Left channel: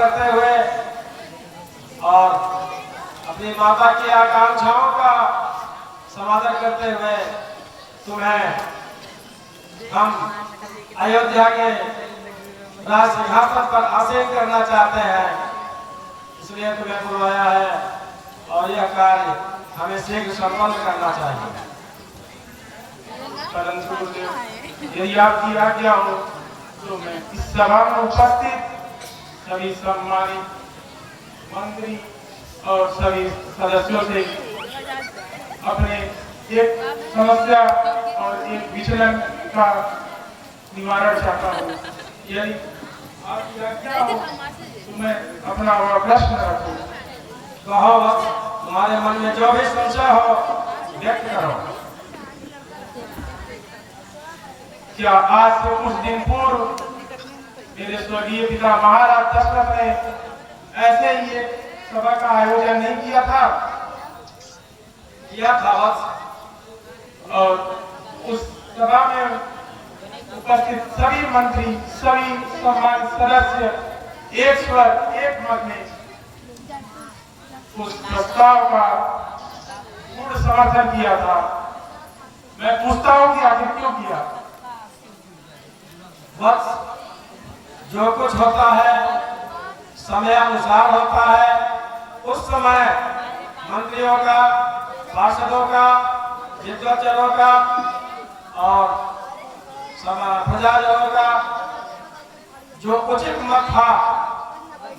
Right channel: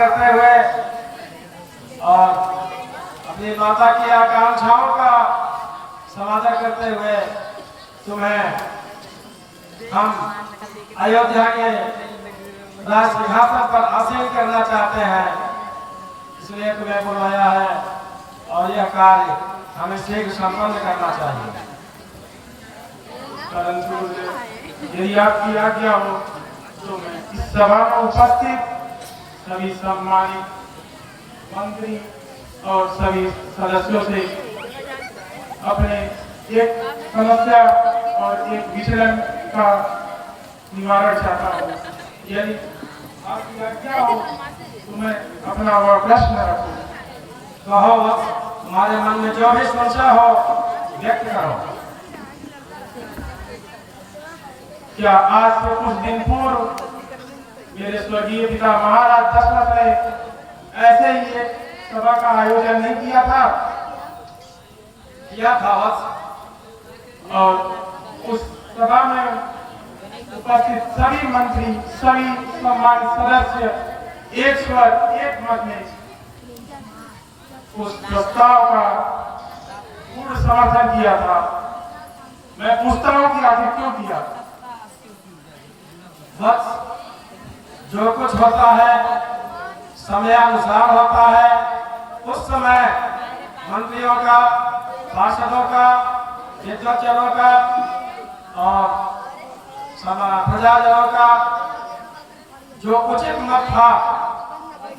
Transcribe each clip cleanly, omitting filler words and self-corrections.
करते हुए और अपनी माता की आकांक्षाओं का समाधान करते हुए तुम्हें हम अयोध्या के राज सिंहासन पर आसीन करना चाहते हैं, इसलिए तुम्हें बुलवाया है और यह कार्य हमें शीघ्र संपन्न करना चाहिए। परंतु यदि आपकी आज्ञा हो तो मैं इस सभा में उपस्थित सभी सम्मानित मंत्री और सभी सदस्यों से अपने एक समस्या और एक विचलन का निवारण चाहता हूँ। यदि आपकी आज्ञा हो तो मैं अपना वह प्रश्न रखूँ। कहो, तुम्हारे मन में जो भी संशय हो व्यक्त करो। क्या आज से कुछ दिन पूर्व मेरे स्वर्गीय पिता महाराज दशरथ ने ऐसे ही एक सभा का आयोजन नहीं किया था? किया था। और उस सभा में उपस्थित सभी मंत्री, सभी सम्मानित सदस्य एक स्वर एक मत में उस प्रस्ताव का पूर्ण समर्थन किया था। मैं पूछता हूं कि आखिर क्यों किया? बस जो कुछ होता है समयानुसार होता है। उस समय मंत्रियों का, पार्षदों का, विद्वाचरों का और प्रजाजनों का जो उचित मत था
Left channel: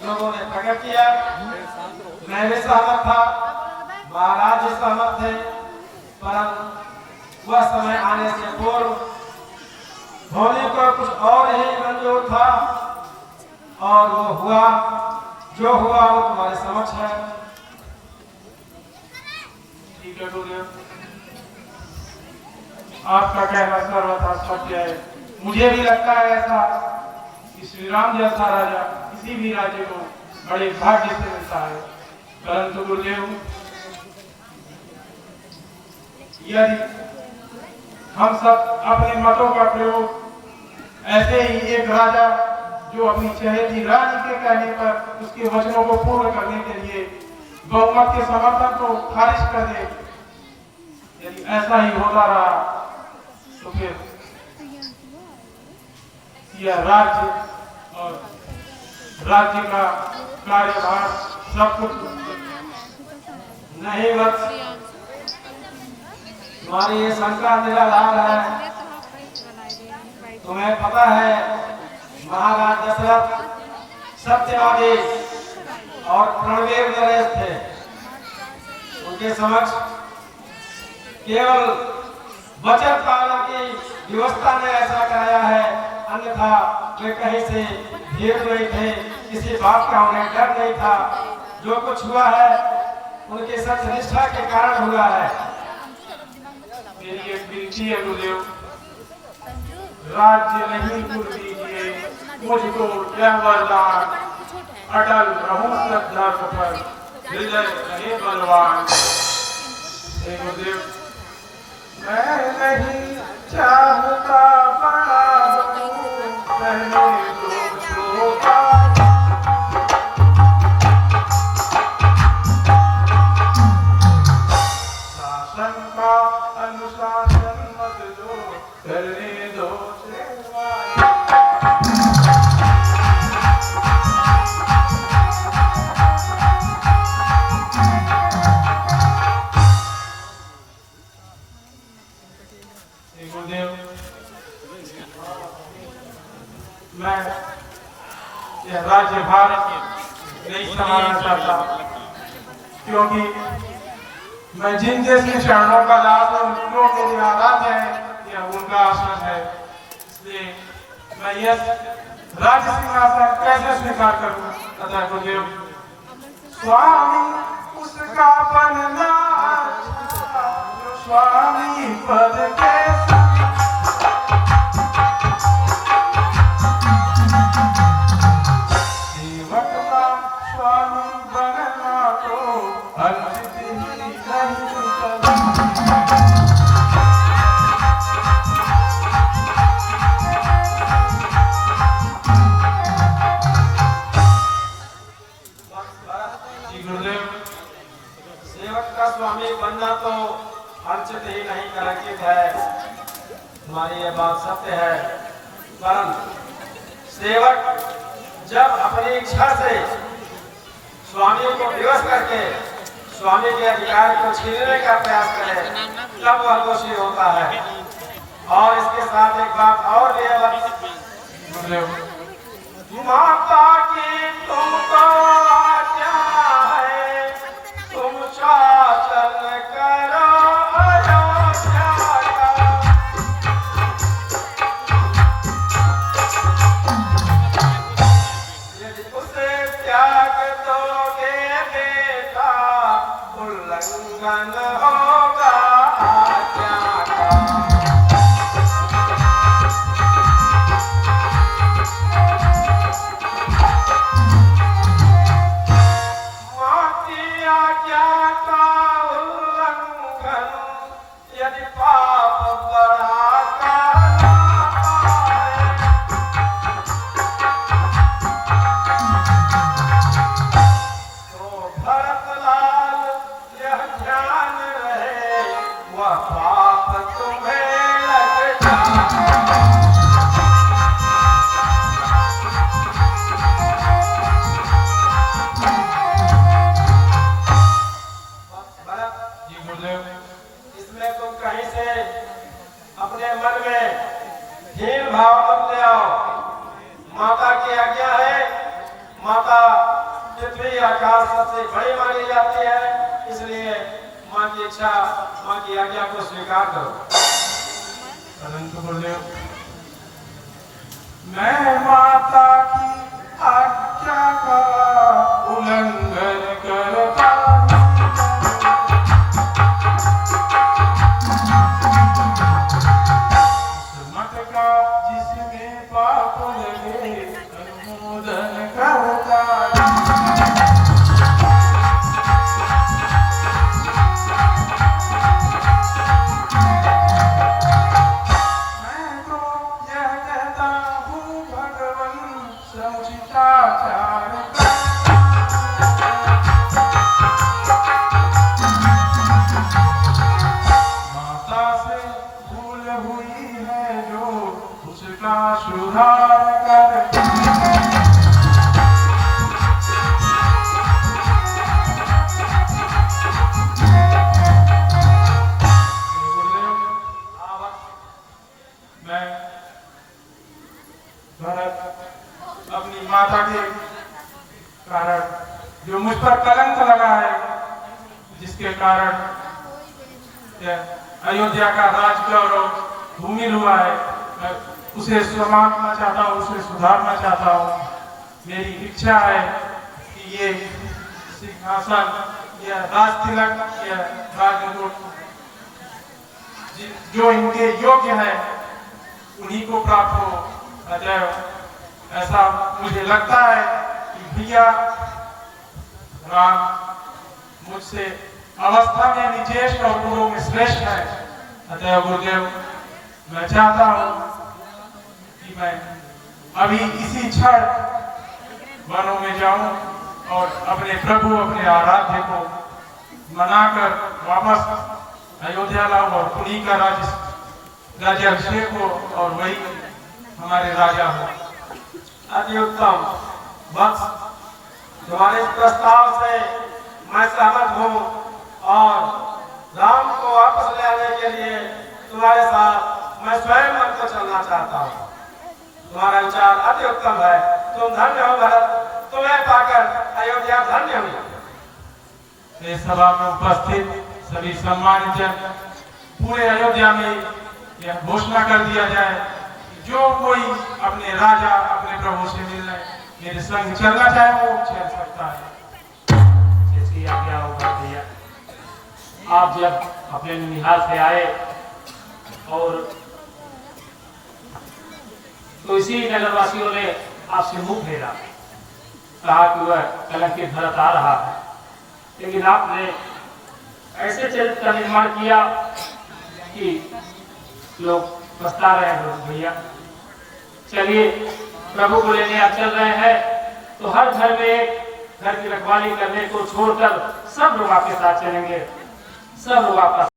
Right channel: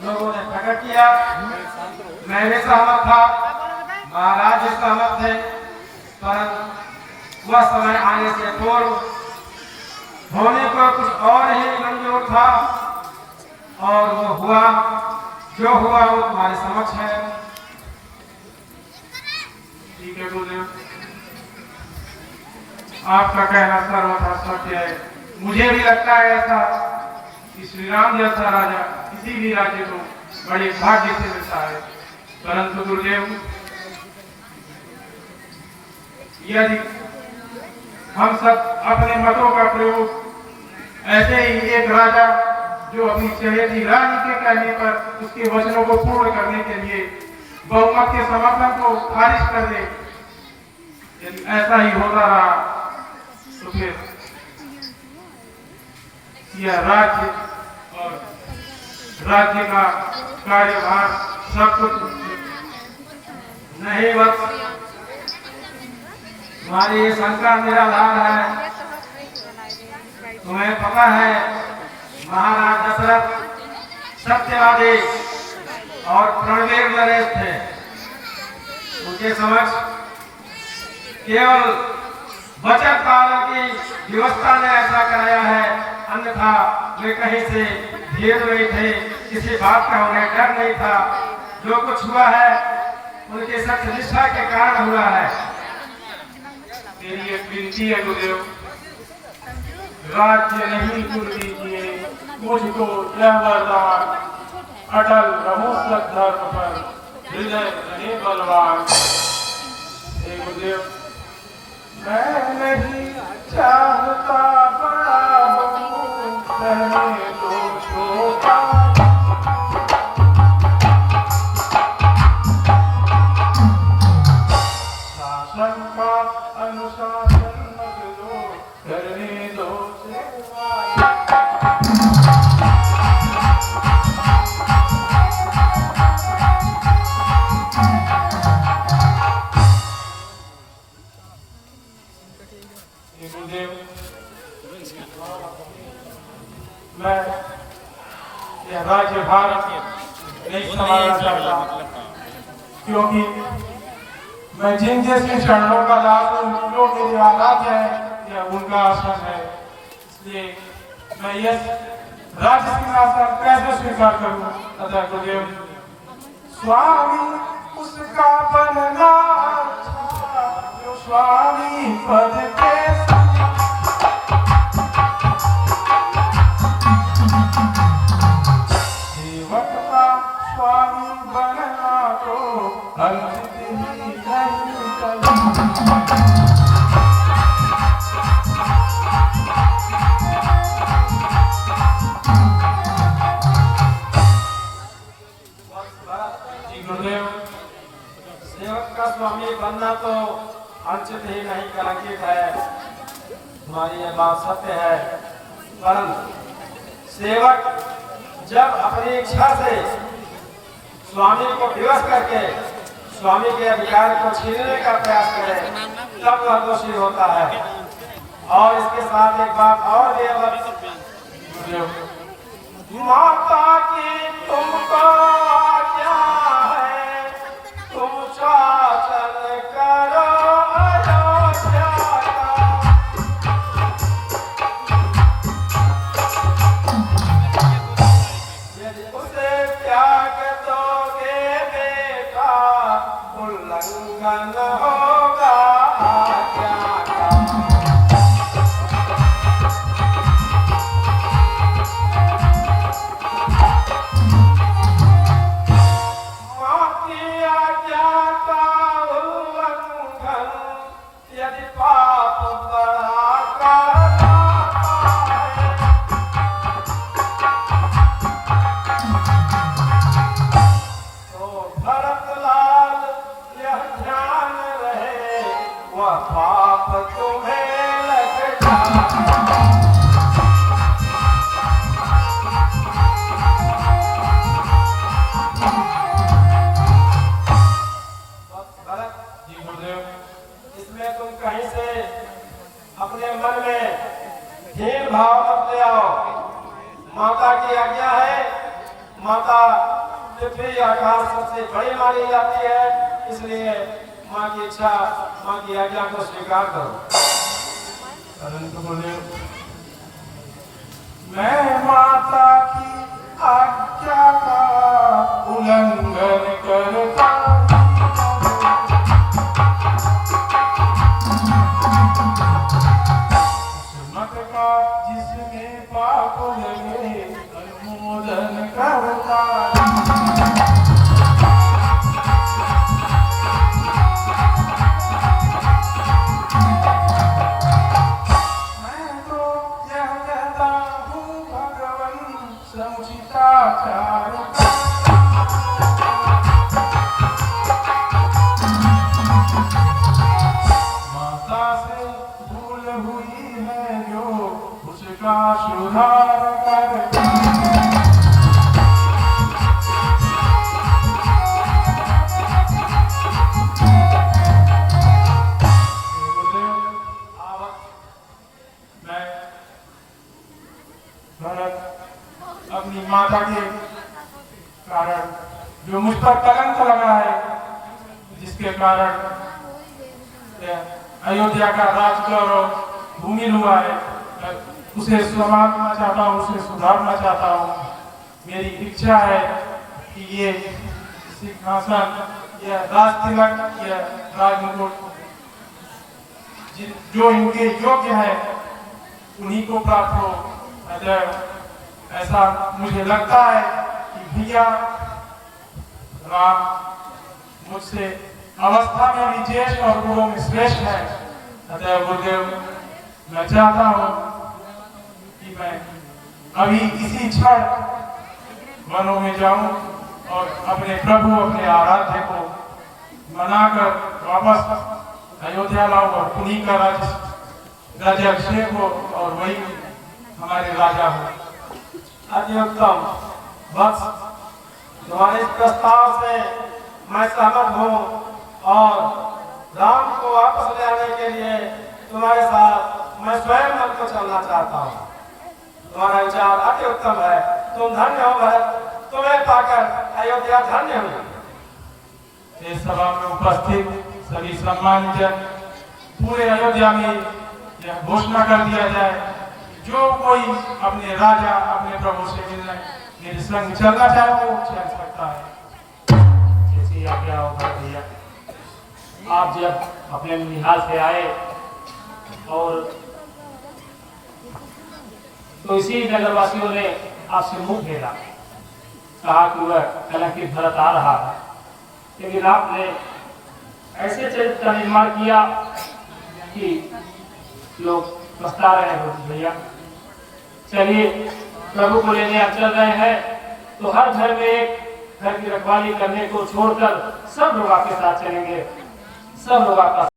लोगों ने प्रकट किया। मैं भी सहमत था, महाराज भी सहमत थे, परंतु वह समय आने से पूर्व होने को कुछ और ही मंजूर था और वो हुआ, जो हुआ वो तुम्हारे समक्ष है। ठीक है गुरुदेव, आपका कहना सर्वथा सत्य है। मुझे भी लगता है ऐसा कि श्री राम जैसा राजा किसी भी राज्य को बड़े भाग्य से मिलता है। परंतु गुरुदेव, यदि हम सब अपने मतों का प्रयोग ऐसे ही एक राजा जो अपनी चहेती रानी के कहने पर उसके वचनों को पूर्ण करने के लिए बहुमत के समर्थन को खारिज कर दे, यदि ऐसा ही होता रहा तो फिर यह राज्य और राज्य का कार्यभार सब कुछ नहीं बस तुम्हारी ये शंका निराधार है। तुम्हें पता है महाराज दशरथ सत्यवादी और प्रणवीर नरेश थे। उनके समक्ष केवल बचत पालन की व्यवस्था में ऐसा कराया है, अन्यथा वे कहीं से घेर रहे थे, किसी बात का उन्हें डर नहीं था। जो कुछ हुआ है उनके सत्यनिष्ठा के कारण हुआ है। मेरी एक विनती है गुरुदेव, राज्य नहीं गुरु दीजिए मुझको यह वरदान, अटल रहूं सद्धर्म पर, हृदय रहे बलवान। हे गुरुदेव, मैं नहीं चाहता बड़ा बनूं, पहले तो छोटा। शासन का अनुशासन मत दो, करने दो सेवा। गुरुदेव, मैं यह राज्य भारत नहीं संभालना चाहता, क्योंकि मैं जिन जिसके चरणों का लाभ जो मेरे आराध्य है यह उनका आसन है। इसलिए मैं यह राज्य सिंहासन कैसे स्वीकार करूं? अतः गुरुदेव, स्वामी उसका बनना अच्छा जो स्वामी पद के सेवक का स्वामी बनना तो अर्जित ही नहीं स्वामी बनना तो अनुचित ही नहीं कलंकित है, तुम्हारी ये बात सत्य है। परंतु सेवक जब अपनी इच्छा से स्वामी को विवश करके स्वामी के अधिकार को छीनने का प्रयास करे तब वह दोषी होता है। और इसके साथ एक बात और भी है, माता की तुमको आज्ञा है, तुम शासन करो अयोध्या का। यदि उसे त्याग दोगे बेटा, उल्लंघन होगा आज्ञा का। माँ की आज्ञा का उल्लंघन यदि पाप बढ़ा करता है, तो भरतलाल यह ध्यान रहे, वह पाप तुम्हें लग जाए। भरत, जी गुरुदेव। इसमें तुम कहीं से अपने मन में हीन भाव मत ले आओ। माता की आज्ञा है, माता पृथ्वी आकाश सबसे बड़ी मानी जाती है, इसलिए माँ की इच्छा, माँ की आज्ञा को स्वीकार करो। परंतु गुरुदेव, मैं माता की आज्ञा का उल्लंघन करता मत का जिसमें पाप लगे अनुमोदन करता। मैं तो यह कहता हूँ भगवन समुचिताचार का। माता से भूल हुई है जो उसका सुधार कर। मैं भरत अपनी माता के कारण जो मुझ पर कलंक लगा है, जिसके कारण यह अयोध्या का राज गौरव भूमिल हुआ है, मैं उसे समाप्त चाहता हूँ, उसे सुधारना चाहता हूँ। मेरी इच्छा है कि ये सिंहासन, यह राज तिलक, यह राजमुकुट जो इनके योग्य है उन्हीं को प्राप्त हो। अतः ऐसा मुझे लगता है कि भैया राम मुझसे अवस्था में भी ज्येष्ठ और गुरुओं में श्रेष्ठ है। अतः गुरुदेव, मैं चाहता हूँ कि मैं अभी इसी क्षण वनों में जाऊं और अपने प्रभु, अपने आराध्य को मनाकर वापस अयोध्या लाऊं और उन्हीं का राज्याभिषेक हो और वही हमारे राजा हो। अति उत्तम वत्स, तुम्हारे इस प्रस्ताव से मैं सहमत हूँ और राम को वापस ले आने के लिए तुम्हारे साथ मैं स्वयं मन को चलना चाहता हूँ। तुम्हारा विचार अति उत्तम है। तुम धन्य हो भरत, तुम्हें पाकर अयोध्या धन्य हुई। इस सभा में उपस्थित सभी सम्मानित जन, पूरे अयोध्या में यह घोषणा कर दिया जाए, जो कोई अपने राजा, अपने प्रभु से मिलने मेरे संग चलना चाहे वो चल सकता है। जैसी आज्ञा होगा भैया। आप जब अपने निहाल से आए और तो इसी नगरवासियों ने आपसे मुंह फेरा, कहा कि वह कलंकित भरत आ रहा है, लेकिन आपने ऐसे चरित्र का निर्माण किया कि लोग पछता रहे हो। भैया चलिए, प्रभु को लेने आप चल रहे हैं तो हर घर में एक घर की रखवाली करने को छोड़कर सब लोग आपके साथ चलेंगे। सब लोग आपका